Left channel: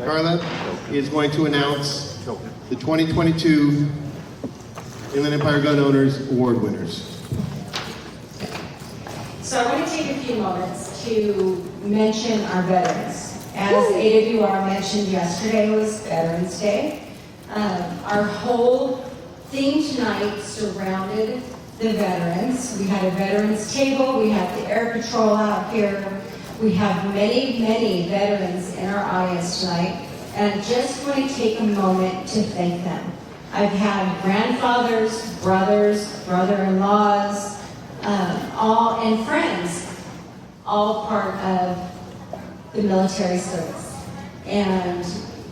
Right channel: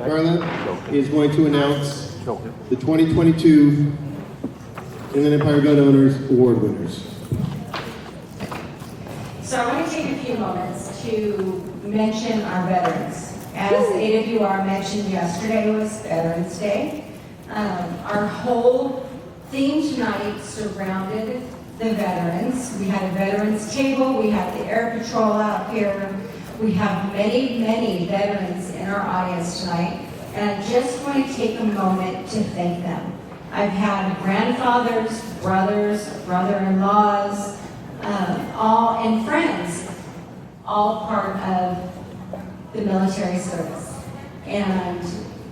Karla is going to announce the 2022 Inland Empire Gun Owners Award winners. So I want to take a few moments to mention our veterans. As AWR mentioned yesterday was Veterans Day. Our whole theme tonight surrounded the veterans. We had a veterans table, we have the Air Patrol out here, we have many, many veterans in our audience tonight, and I just want to take a moment to thank them. I've had grandfathers, brothers, brother-in-laws, all and friends, all part of the military service. And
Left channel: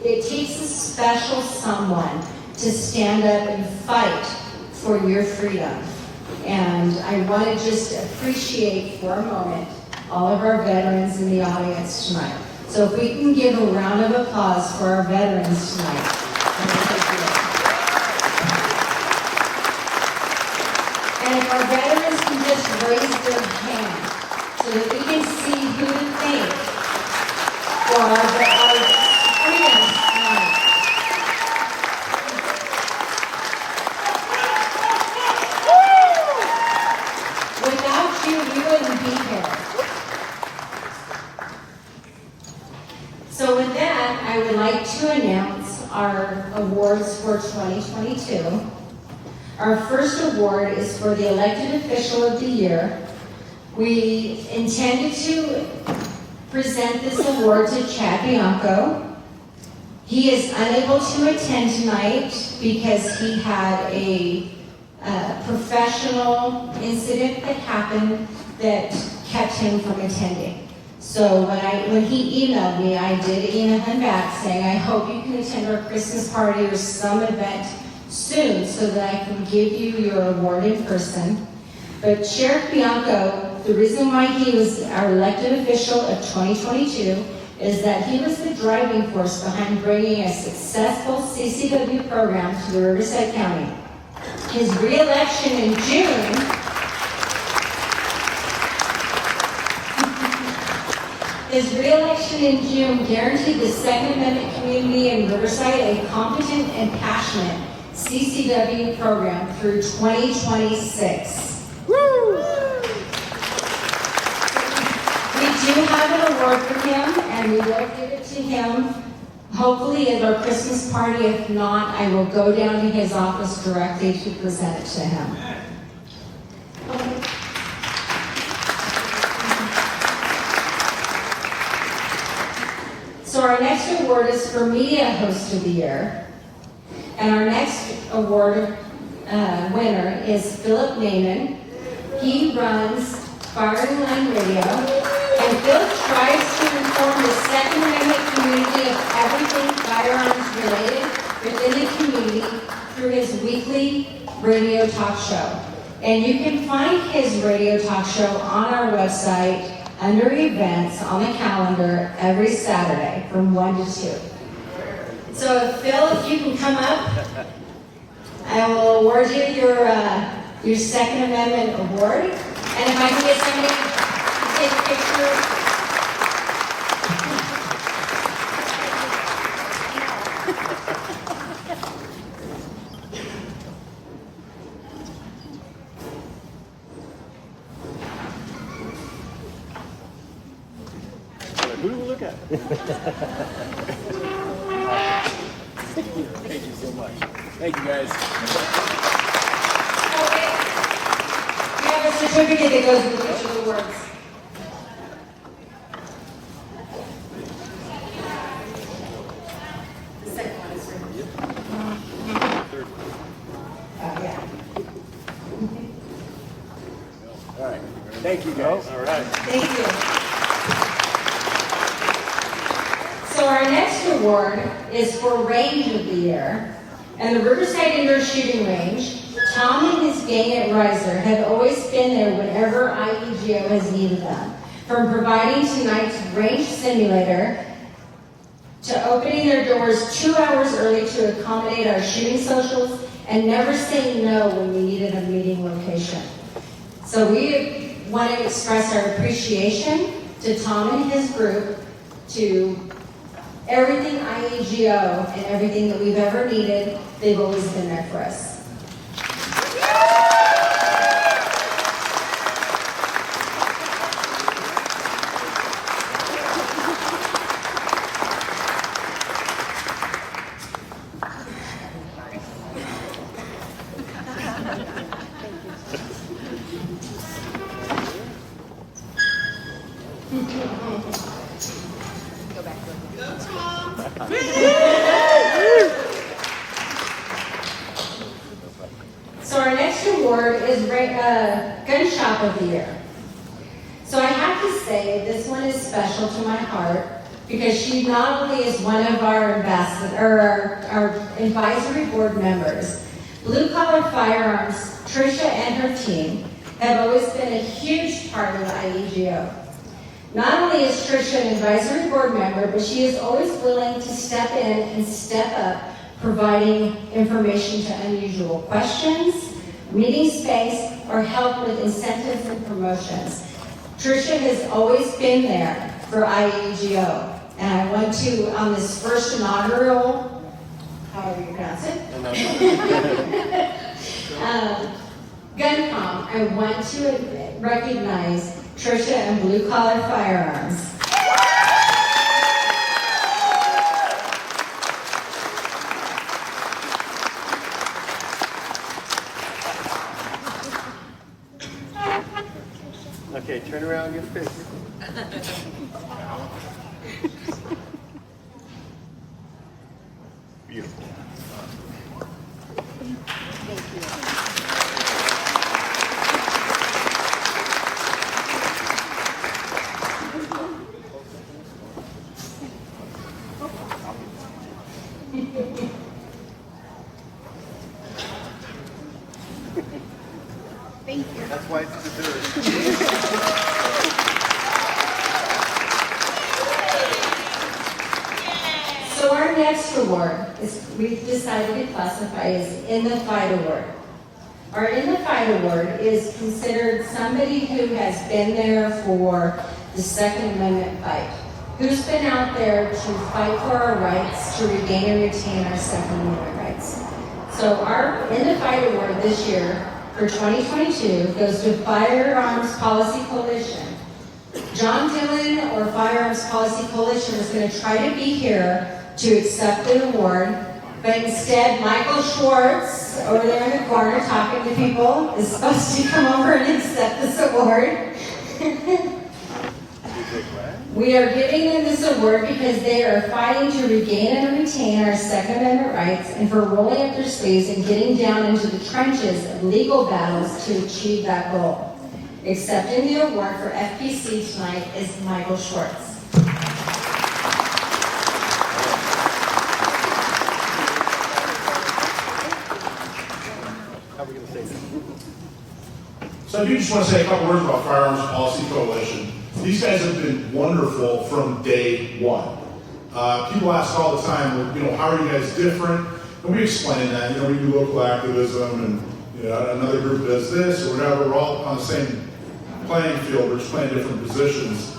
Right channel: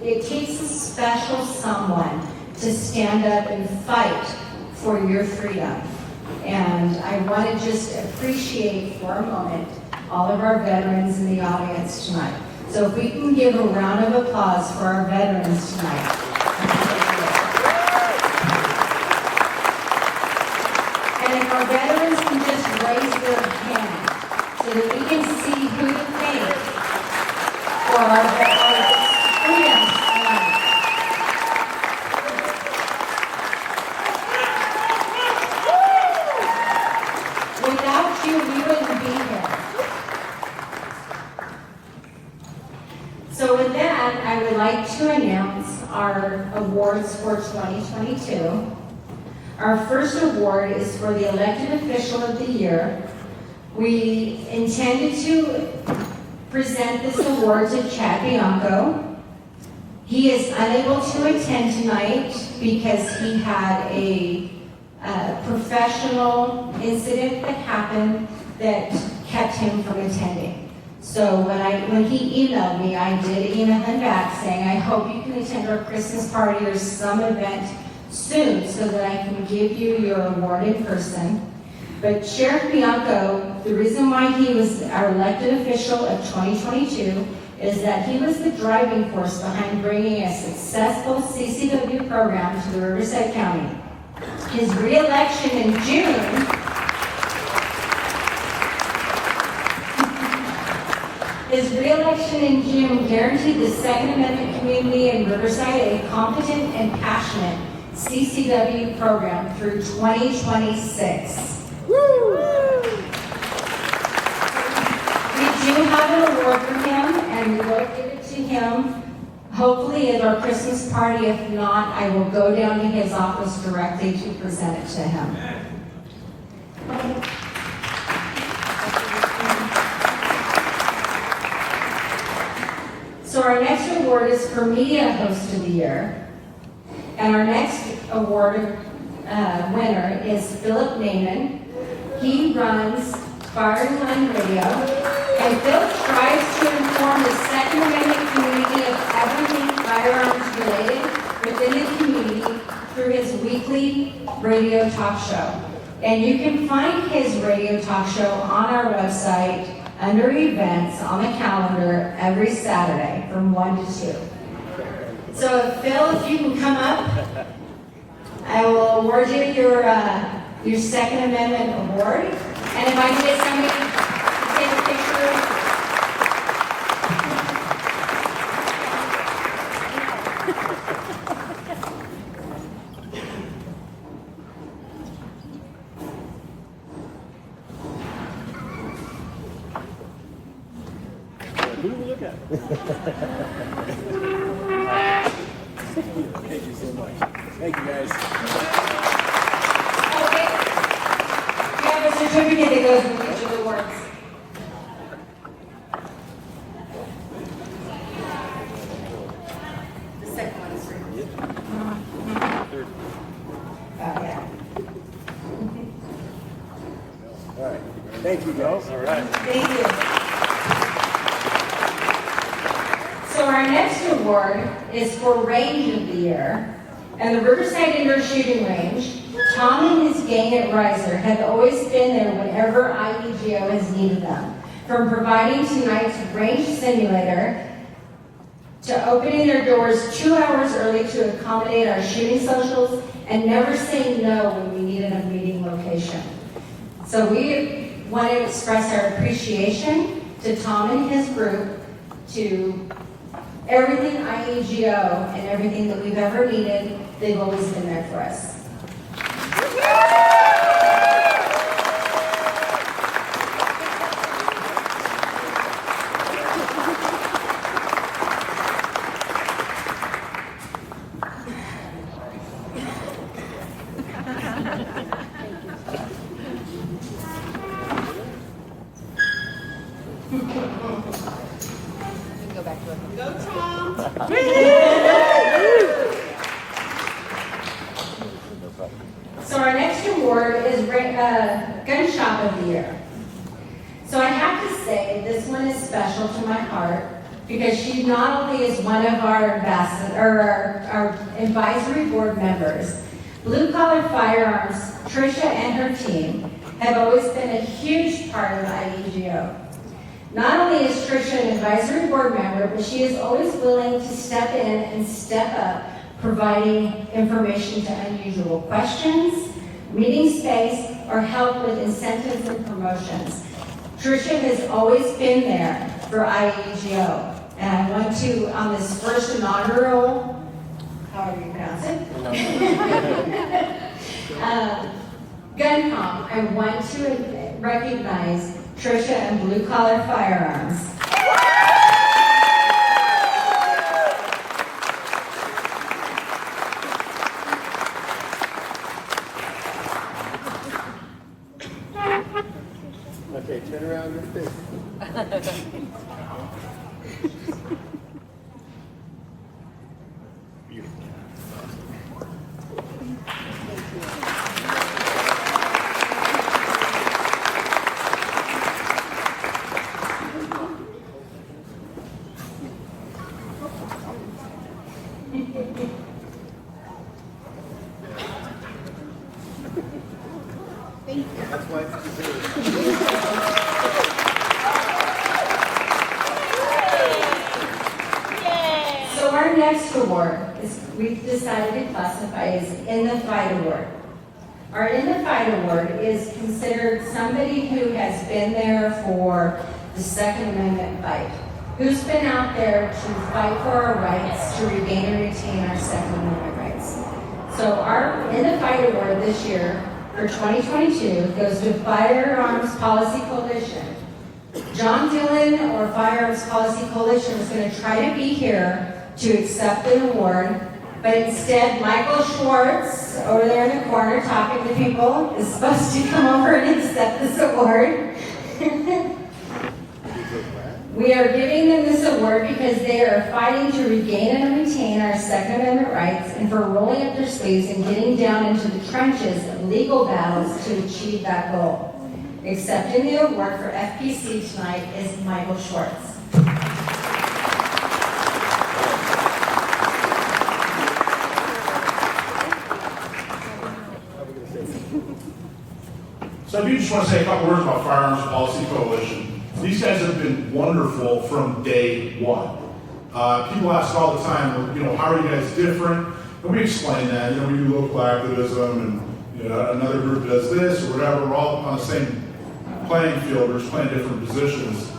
it takes a special someone to stand up and fight for your freedom. And I want to just appreciate for a moment all of our veterans in the audience tonight. So if we can give a round of applause for our veterans tonight. And if our veterans can just raise their hand so that we can see who to thank for our freedom tonight. Without you, we wouldn't be here. So with that, I would like to announce our awards for 2022. Our first award is for the Elected Official of the Year. We intended to present this award to Chad Bianco. He is unable to attend tonight because he had a professional incident that happened that kept him from attending. So when he emailed me, I did email him back saying, I hope you can attend our Christmas party or some event soon so that I can give you your award in person. But Sheriff Bianco, the reason why he was our elected official of 2022 is that he was the driving force behind bringing a successful CCW program to Riverside County. His re-election in June guaranteed the Second Amendment community in Riverside a competent and passionate CCW program through 2026. Woo! We do have an award for him, and we will give it to him hopefully at our Christmas party. If not, I will go down to his office directly to present it to him. Okay. So our next award is for Media Host of the Year. And our next award winner is Philip Naiman. He runs Fire and Land Radio, and Philip tries to inform the Second Amendment community of everything firearms related within the community through his weekly radio talk show. And you can find his radio talk show on our website under events on the calendar every Saturday from 1 to 2. So Phil, if you can come up, I will award you your Second Amendment award. And if I can get somebody to take a picture. Who do we look at? Thank you so much. Thank you, guys. Okay. You have a certificate that goes with each of the awards. The second one is for you. Third. Yeah. All right. Thank you, guys. All right. Thank you. So our next award is for Range of the Year. And the Riverside Indoor Shooting Range, Tom and his gang at Riser have always been there whenever IEGO has needed them. From providing tonight's range simulator to opening their doors 2 hours early to accommodate our shooting socials and never saying no when we needed a meeting location. So we want to express our appreciation to Tom and his group to everything IEGO and everything that we've ever needed, they've always been there for us. So our next award is Gun Shop of the Year. So I have to say this one is special to my heart because she not only is one of our our advisory board members, Blue Collar Firearms, Tricia and her team have always been a huge part of IEGO. Not only is Tricia an advisory board member, but she is always willing to step in and step up, providing information to unusual questions, meeting space, or help with incentives and promotions. Tricia has always been there for IEGO. And I want to, on this first inaugural, however you pronounce it, GunCom, I want to recognize Tricia and Blue Collar Firearms. Okay, turn around your fist. Beautiful. Thank you. That's why it's So our next award is, we've decided to classify as In the Fight Award. Our In the Fight Award is considered somebody who has been there for the Second Amendment fight, who's been out there to fight for our rights, to regain and retain our Second Amendment rights. So our In the Fight Award this year for 2022 goes to Firearms Policy Coalition. John Dillon or Firearms Policy Coalition is going to try to be here to accept the award, but instead Michael Schwartz, over there in the corner talking to people, is supposed to come over and accept this award. We are giving them this award because they are fighting to regain and retain our Second Amendment rights and for rolling up their sleeves and getting down into the trenches of legal battles to achieve that goal. Accepting the award for FPC tonight is Michael Schwartz. So I do just want to say a couple words about Firearms Policy Coalition. These guys have been wonderful from day one. People ask all the time, well, how are you guys different? And we explain that. We do local activism, and another group does this or whatever. We're all on the same playing field. We're just playing different positions.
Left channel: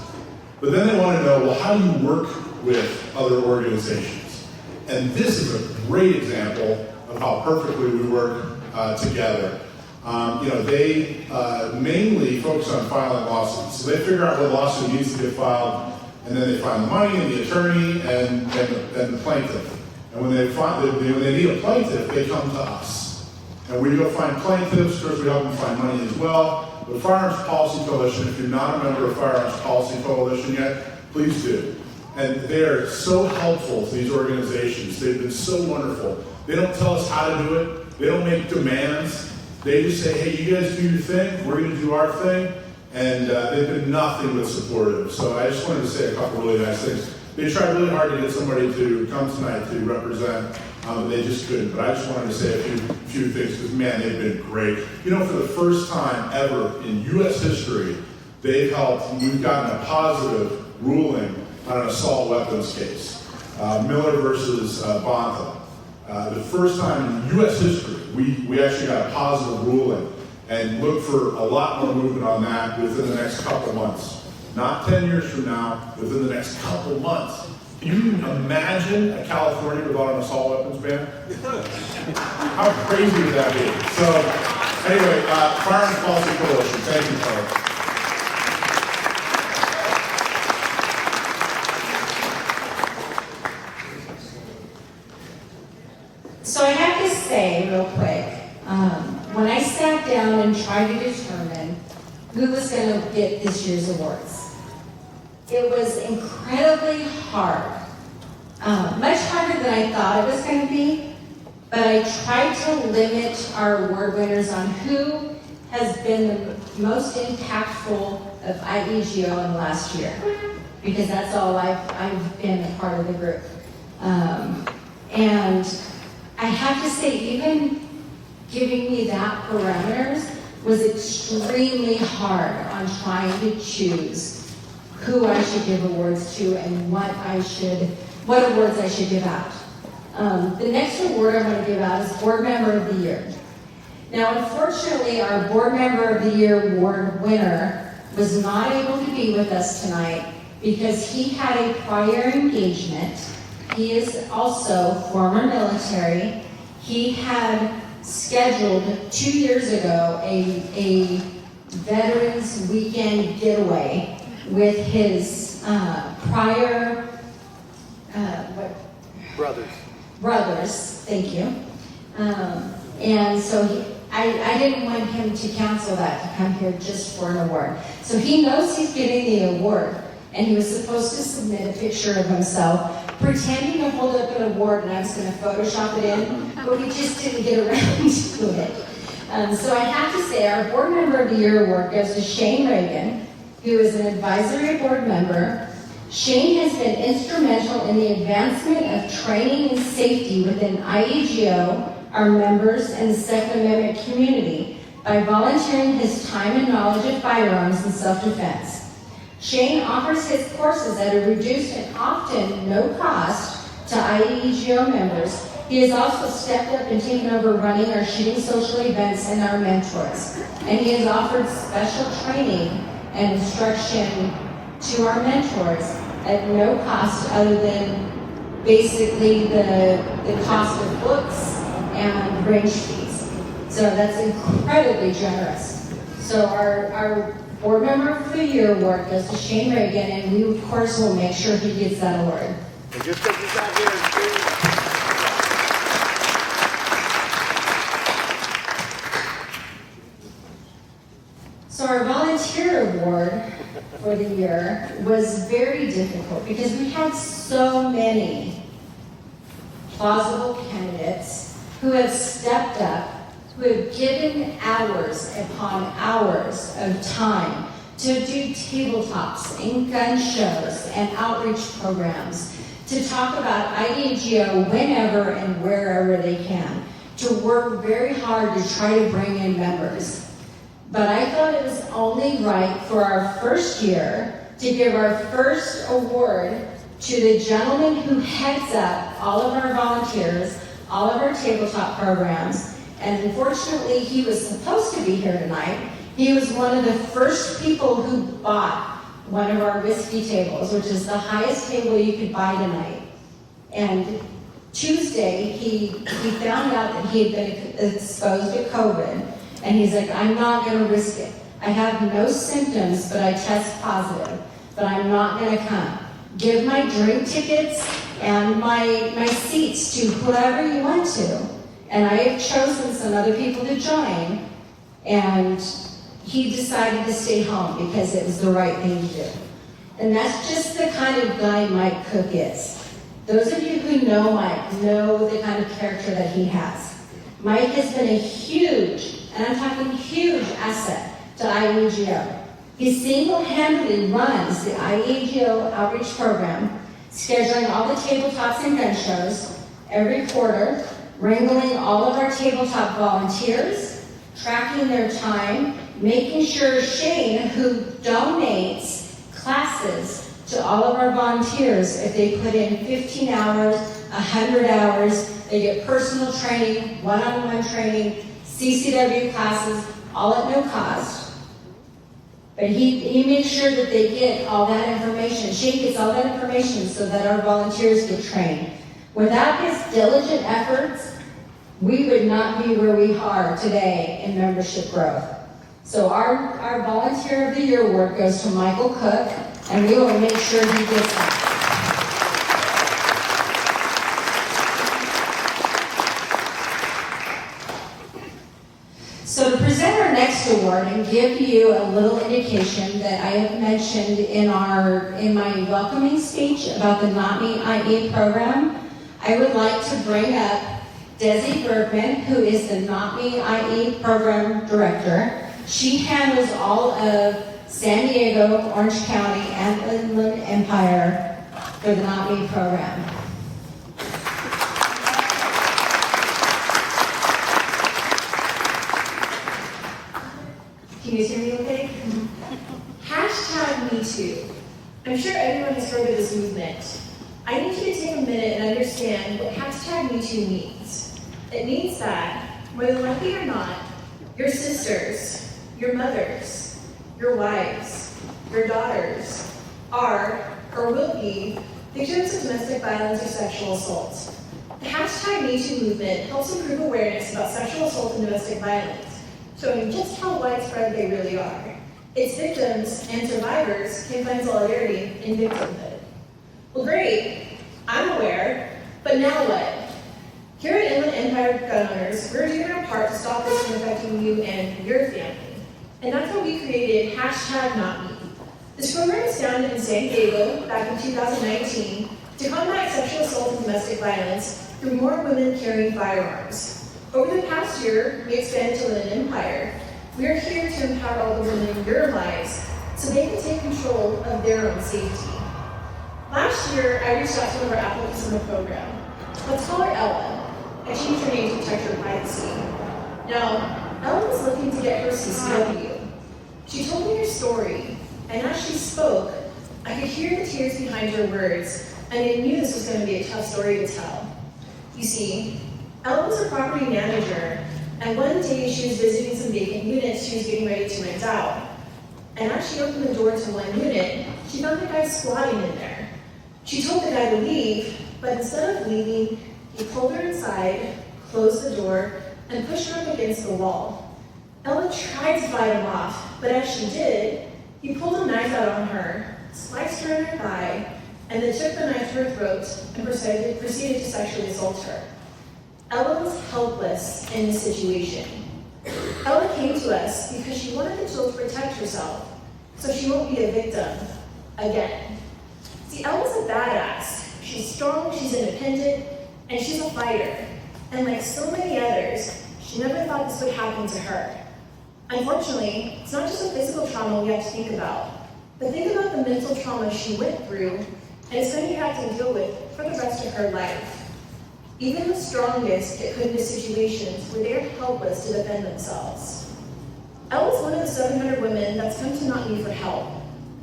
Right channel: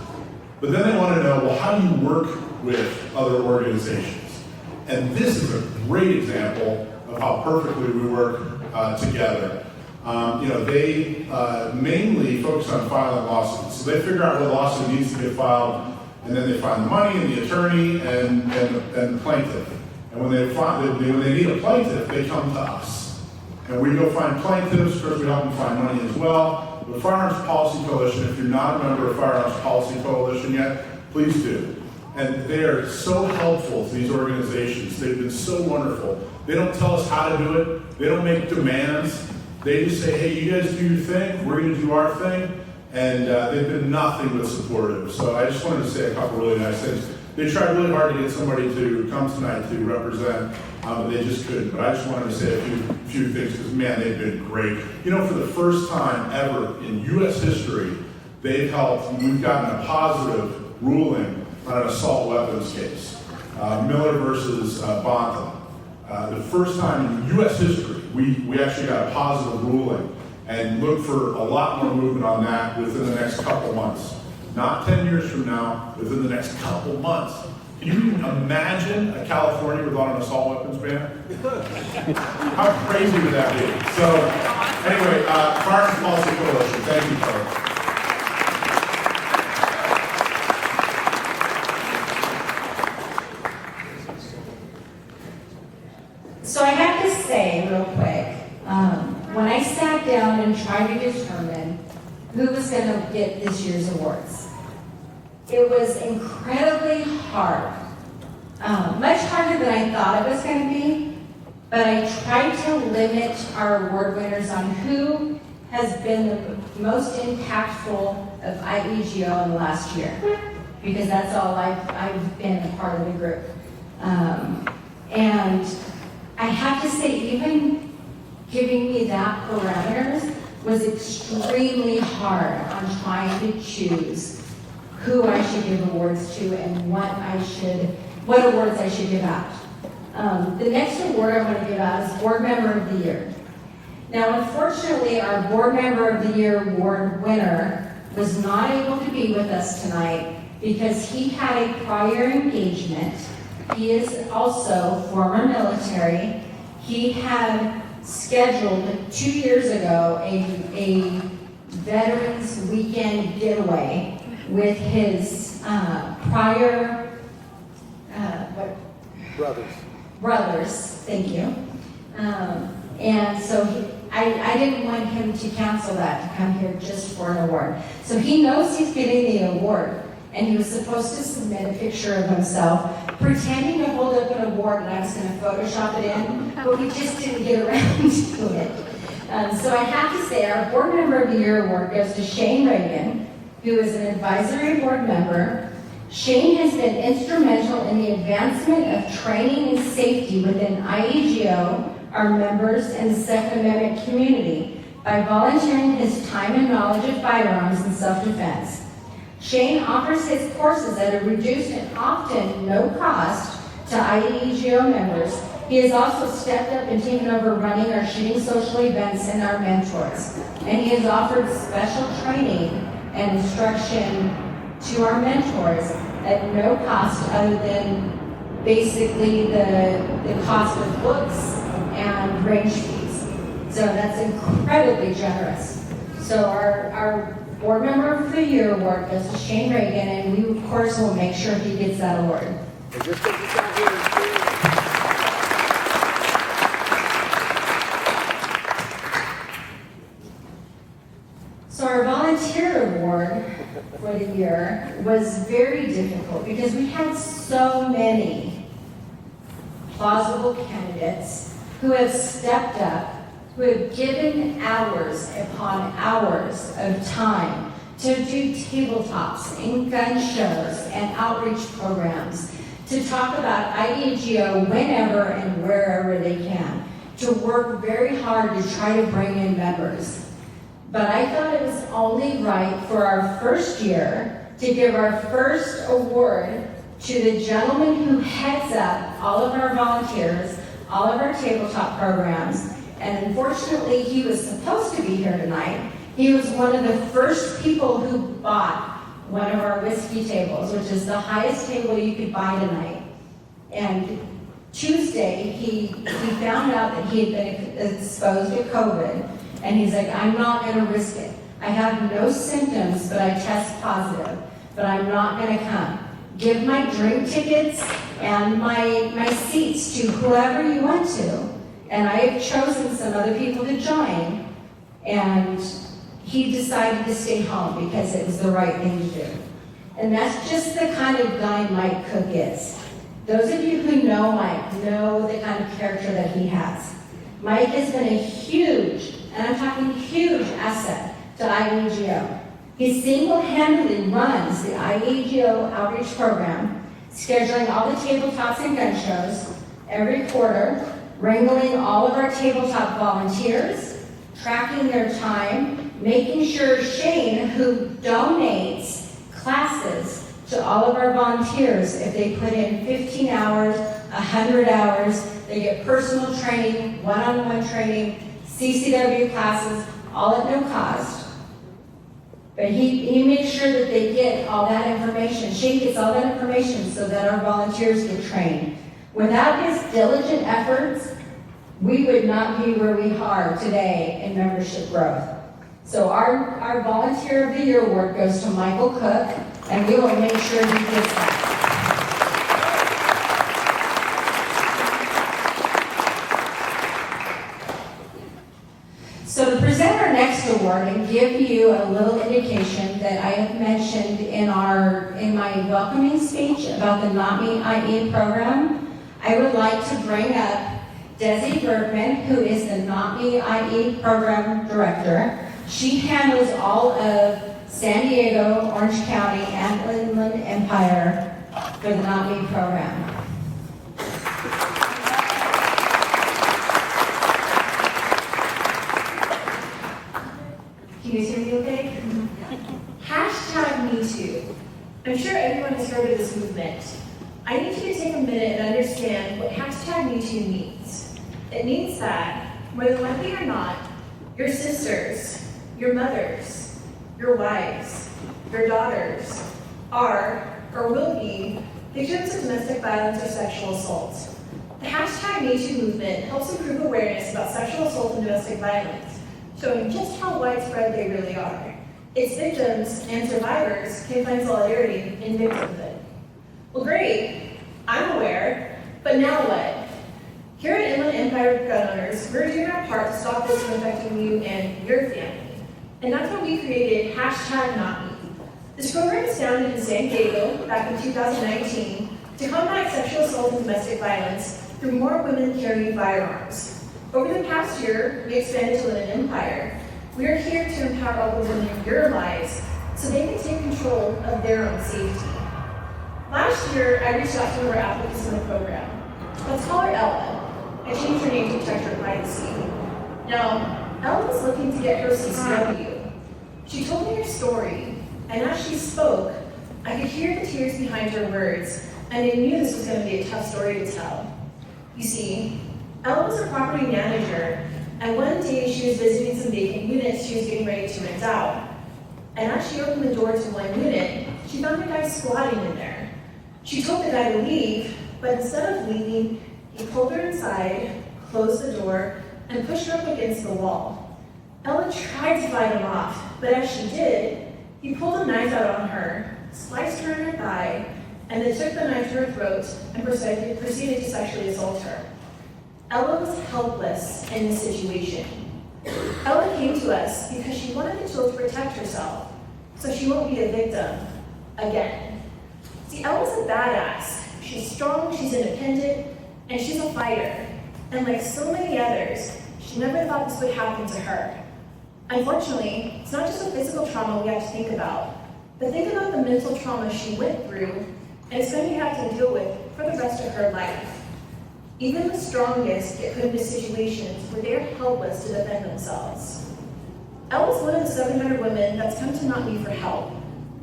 But then they want to know, well, how do you work with other organizations? And this is a great example of how perfectly we work together. They mainly focus on filing lawsuits. So they figure out what lawsuit needs to get filed, and then they find the money and the attorney and the plaintiff. And when they need a plaintiff, they come to us. And we go find plaintiffs. Of course, we help them find money as well. But Firearms Policy Coalition, if you're not a member of Firearms Policy Coalition yet, please do. And they're so helpful to these organizations. They've been so wonderful. They don't tell us how to do it. They don't make demands. They just say, hey, you guys do your thing, we're going to do our thing, and they've been nothing but supportive. So I just wanted to say a couple really nice things. They tried really hard to get somebody to come tonight to represent, but they just couldn't. But I just wanted to say a few things, because man, they've been great. For the first time ever in U.S. history, we've gotten a positive ruling on an assault weapons case, Miller versus Bonta. The first time in U.S. history, we actually got a positive ruling, and look for a lot more movement on that within the next couple months. Not 10 years from now, within the next couple months. Can you imagine a California without an assault weapons ban? How crazy would that be? So, anyway, Firearms Policy Coalition, thank you, Claire. So I have to say real quick, when I sat down and tried to determine who was going to get this year's awards, it was incredibly hard. Much harder than I thought it was going to be, but I tried to limit our award winners on who has been the most impactful of IEGO in the last year, because that's all I've been a part of the group. And I have to say, even giving me that parameters was extremely hard on trying to choose who I should give awards to and what awards I should give out. The next award I'm going to give out is Board Member of the Year. Now, unfortunately, our Board Member of the Year award winner was not able to be with us tonight because he had a prior engagement. He is also former military. He had scheduled 2 years ago a Veterans Weekend getaway with his prior brothers, thank you. And so I didn't want him to cancel that to come here just for an award. So he knows he's getting the award, and he was supposed to submit a picture of himself pretending to hold up an award, and I was going to Photoshop it in, but we just didn't get around to it. So I have to say our Board Member of the Year award goes to Shane Reagan, who is an advisory board member. Shane has been instrumental in the advancement of training and safety within IEGO, our members, and the Second Amendment community by volunteering his time and knowledge of firearms and self-defense. Shane offers his courses at a reduced and often no cost to IEGO members. He has also stepped up and taken over running our shooting social events and our mentors. And he has offered special training and instruction to our mentors at no cost other than basically the cost of books and range fees. So that's incredibly generous. So our Board Member of the Year award goes to Shane Reagan, and we of course will make sure he gets that award. And just take this out here. So our volunteer award for the year was very difficult because we had so many plausible candidates who have stepped up, who have given hours upon hours of time to do tabletops and gun shows and outreach programs, to talk about IEGO whenever and wherever they can, to work very hard to try to bring in members. But I thought it was only right for our first year to give our first award to the gentleman who heads up all of our volunteers, all of our tabletop programs, and unfortunately he was supposed to be here tonight. He was one of the first people who bought one of our whiskey tables, which is the highest table you could buy tonight. And Tuesday, he found out that he had been exposed to COVID, and he's like, I'm not gonna risk it. I have no symptoms, but I test positive, but I'm not gonna come. Give my drink tickets and my seats to whoever you want to. And I have chosen some other people to join, and he decided to stay home because it was the right thing to do. And that's just the kind of guy Mike Cook is. Those of you who know Mike know the kind of character that he has. Mike has been a huge, and I'm talking huge, asset to IEGO. He single-handedly runs the IEGO outreach program, scheduling all the tabletops and gun shows every quarter, wrangling all of our tabletop volunteers, tracking their time, making sure Shane, who donates classes to all of our volunteers, if they put in 15 hours, 100 hours, they get personal training, one-on-one training, CCW classes, all at no cost. But he makes sure that they get all that information. Shane gets all that information so that our volunteers get trained. Without his diligent efforts, we would not be where we are today in membership growth. So our Volunteer of the Year award goes to Michael Cook, and we will make sure he gets that. So to present our next award and give you a little indication that I have mentioned in my welcoming speech about the Not Me IE program, I would like to bring up Desi Bergman, who is the Not Me IE program director. She handles all of San Diego, Orange County, and Inland Empire for the Not Me program. Can you hear me okay? Hashtag #MeToo. I'm sure everyone has heard of this movement. I need you to take a minute and understand what hashtag #MeToo means. It means that, more than likely or not, your sisters, your mothers, your wives, your daughters are or will be victims of domestic violence or sexual assault. The hashtag #MeToo movement helps improve awareness about sexual assault and domestic violence, showing just how widespread they really are. Its victims and survivors can find solidarity in victimhood. Well, great, I'm aware, but now what? Here at Inland Empire Gun Owners, we're doing our part to stop this from affecting you and your family. And that's why we created hashtag Not Me. This program was founded in San Diego back in 2019 to combat sexual assault and domestic violence through more women carrying firearms. Over the past year, we expanded to Inland Empire. We are here to empower all the women in your lives so they can take control of their own safety. Last year, I reached out to one of our applicants in the program. Let's call her Ella. I changed her name to protect her privacy. Now, Ella was looking to get her CCW. She told me her story, and as she spoke, I could hear the tears behind her words, and I knew this was going to be a tough story to tell. You see, Ella was a property manager, and one day she was visiting some vacant units she was getting ready to rent out. And as she opened the door to one unit, she found a guy squatting in there. She told the guy to leave, but instead of leaving, he pulled her inside, closed the door, and pushed her up against the wall. Ella tried to fight him off, but as she did, he pulled a knife out on her, sliced her in her thigh, and then took the knife to her throat and proceeded to sexually assault her. Ella was helpless in this situation. Ella came to us because she wanted the tools to protect herself, so she won't be a victim again. See, Ella's a badass. She's strong, she's independent, and she's a fighter. And like so many others, she never thought this would happen to her. Unfortunately, it's not just a physical trauma we have to think about, but think about the mental trauma she went through and is going to have to deal with for the rest of her life. Even the strongest get put into situations where they are helpless to defend themselves. Ella's one of the 700 women that's come to Not Me for help.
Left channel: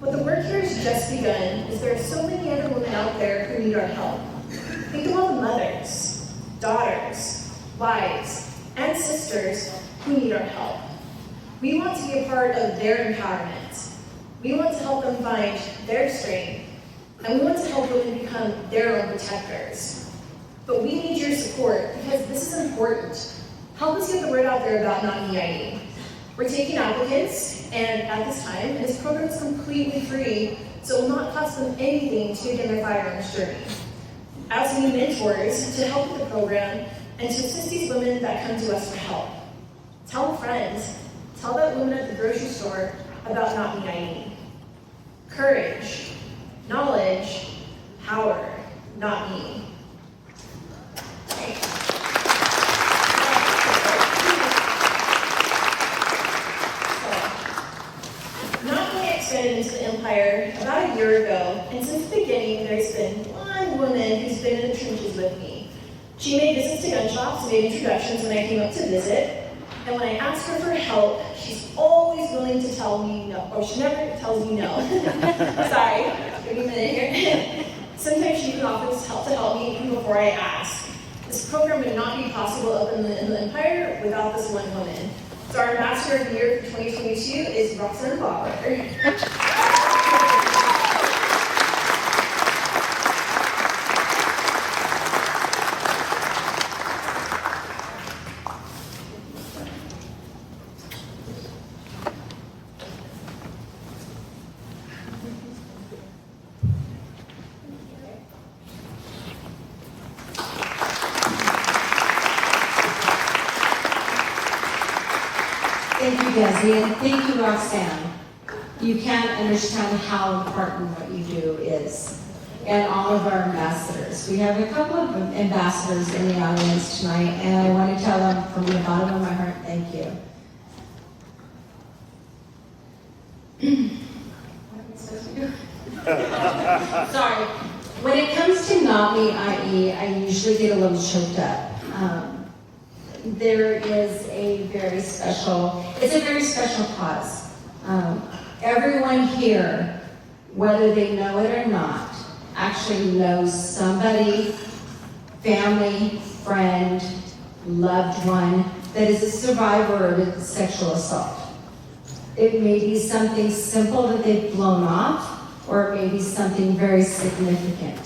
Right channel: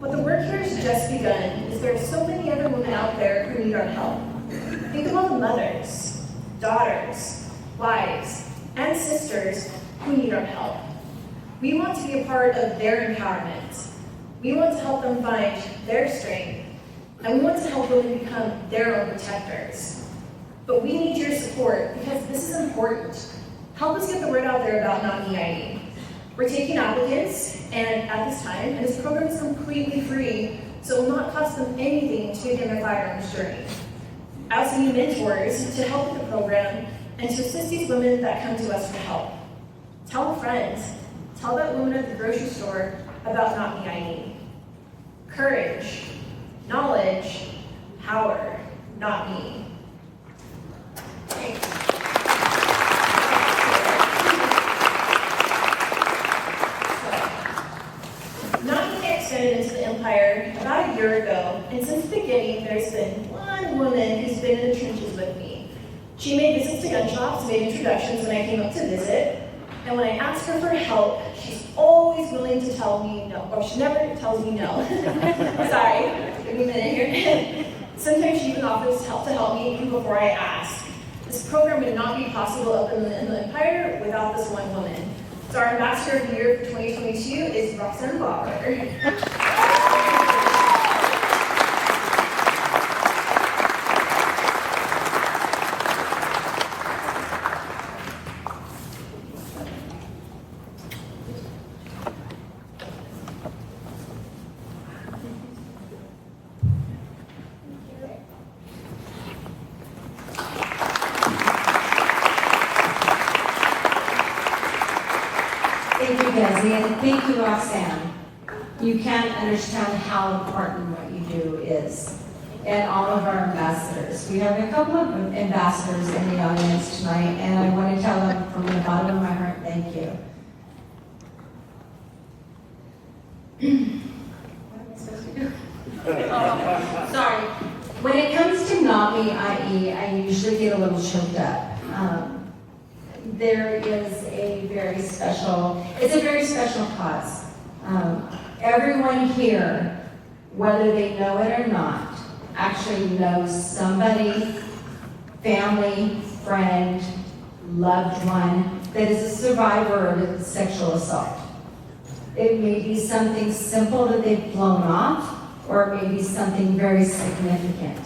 But the work here has just begun, as there are so many other women out there who need our help. Think of all the mothers, daughters, wives, and sisters who need our help. We want to be a part of their empowerment. We want to help them find their strength, and we want to help women become their own protectors. But we need your support because this is important. Help us get the word out there about Not Me IE. We're taking applicants, and at this time, and this program is completely free, so it will not cost them anything to begin their firearms journey. I also need mentors to help with the program and to assist these women that come to us for help. Tell a friend, tell that woman at the grocery store about Not Me IE. Courage, knowledge, power, not me. Not Me extended into the Empire about a year ago, and since the beginning, there's been one woman who's been in the trenches with me. She made visits to gun shops, made introductions when I came up to visit, and when I asked her for help, she's always willing to tell me no, or she never tells me no. Sorry, give me a minute here. Sometimes she even offers help to help me even before I ask. This program would not be possible up in the Empire without this one woman. So our Ambassador of the Year for 2022 is Roxanne Bauer. Thank you, Desi, and thank you, Roxanne. You can't understand how important what you do is. And all of our ambassadors. We have a couple of ambassadors in the audience tonight, and I want to tell them from the bottom of my heart, thank you. What am I supposed to do? Sorry. When it comes to not me, i.e., I usually get a little choked up. There is a very special, it's a very special cause. Everyone here, whether they know it or not, actually knows somebody, family, friend, loved one, that is a survivor of sexual assault. It may be something simple that they've blown off, or it may be something very significant.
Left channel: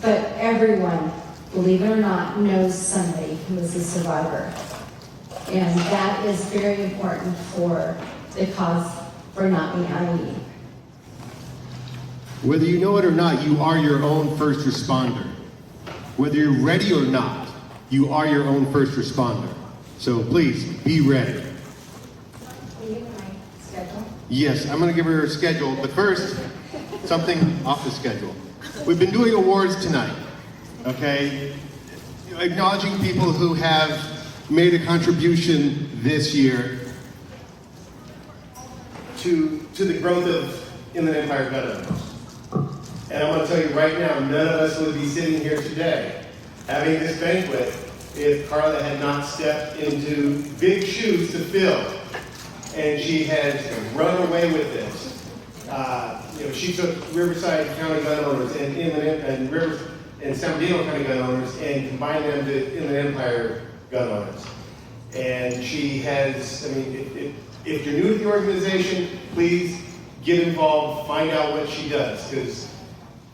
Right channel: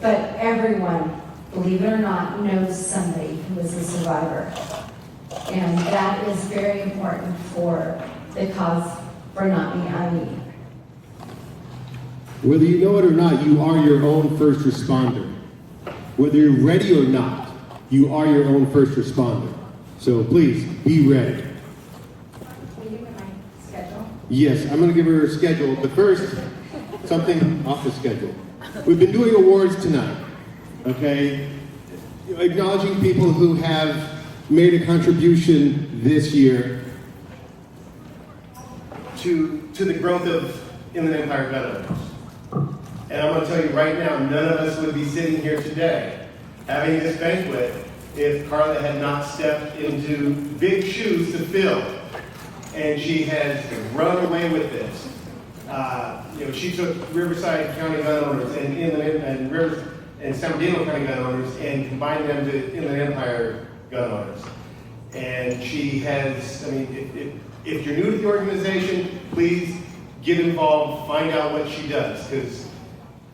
But everyone, believe it or not, knows somebody who is a survivor. And that is very important for the cause for Not Me, I Me. Whether you know it or not, you are your own first responder. Whether you're ready or not, you are your own first responder. So please, be ready. Can you give me my schedule? Yes, I'm going to give her a schedule, but first, something off the schedule. We've been doing awards tonight, okay? Acknowledging people who have made a contribution this year to the growth of Inland Empire gun owners. And I'm going to tell you right now, none of us would be sitting here today having this banquet if Karla had not stepped into big shoes to fill. And she has run away with this. She took Riverside County gun owners and and San Bernardino County gun owners and combined them to Inland Empire gun owners. And she has, if you're new to the organization, please get involved, find out what she does, because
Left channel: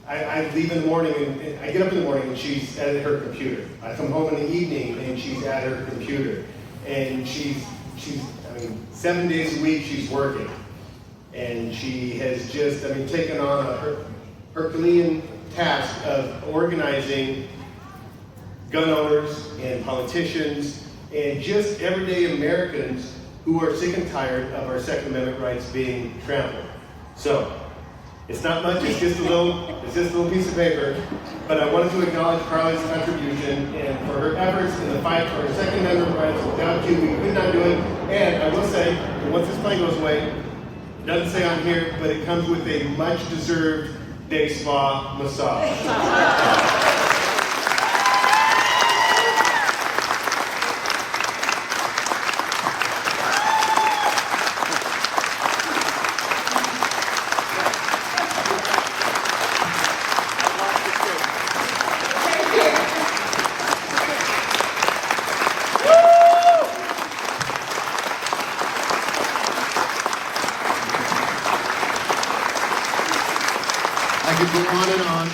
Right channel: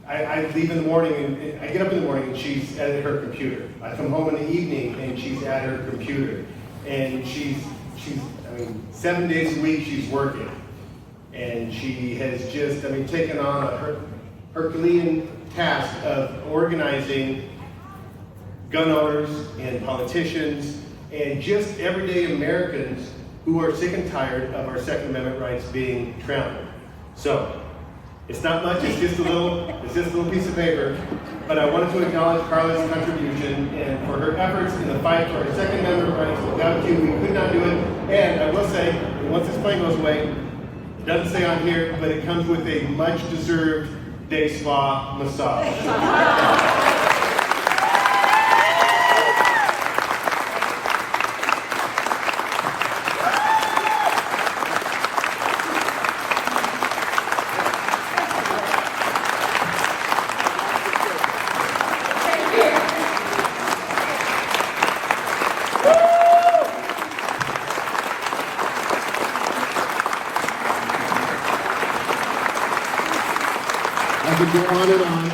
I leave in the morning and I get up in the morning and she's at her computer. I come home in the evening and she's at her computer. And she's 7 days a week she's working. And she has just, taken on a Herculean task of organizing gun owners and politicians and just everyday Americans who are sick and tired of our Second Amendment rights being trampled. So, it's not much, it's just a little piece of paper, but I wanted to acknowledge Karla's contribution and for her efforts in the fight for our Second Amendment rights. Without you, we could not do it. And I will say, once this plane goes away, it doesn't say on here, but it comes with a much-deserved day spa massage. I could go on and on.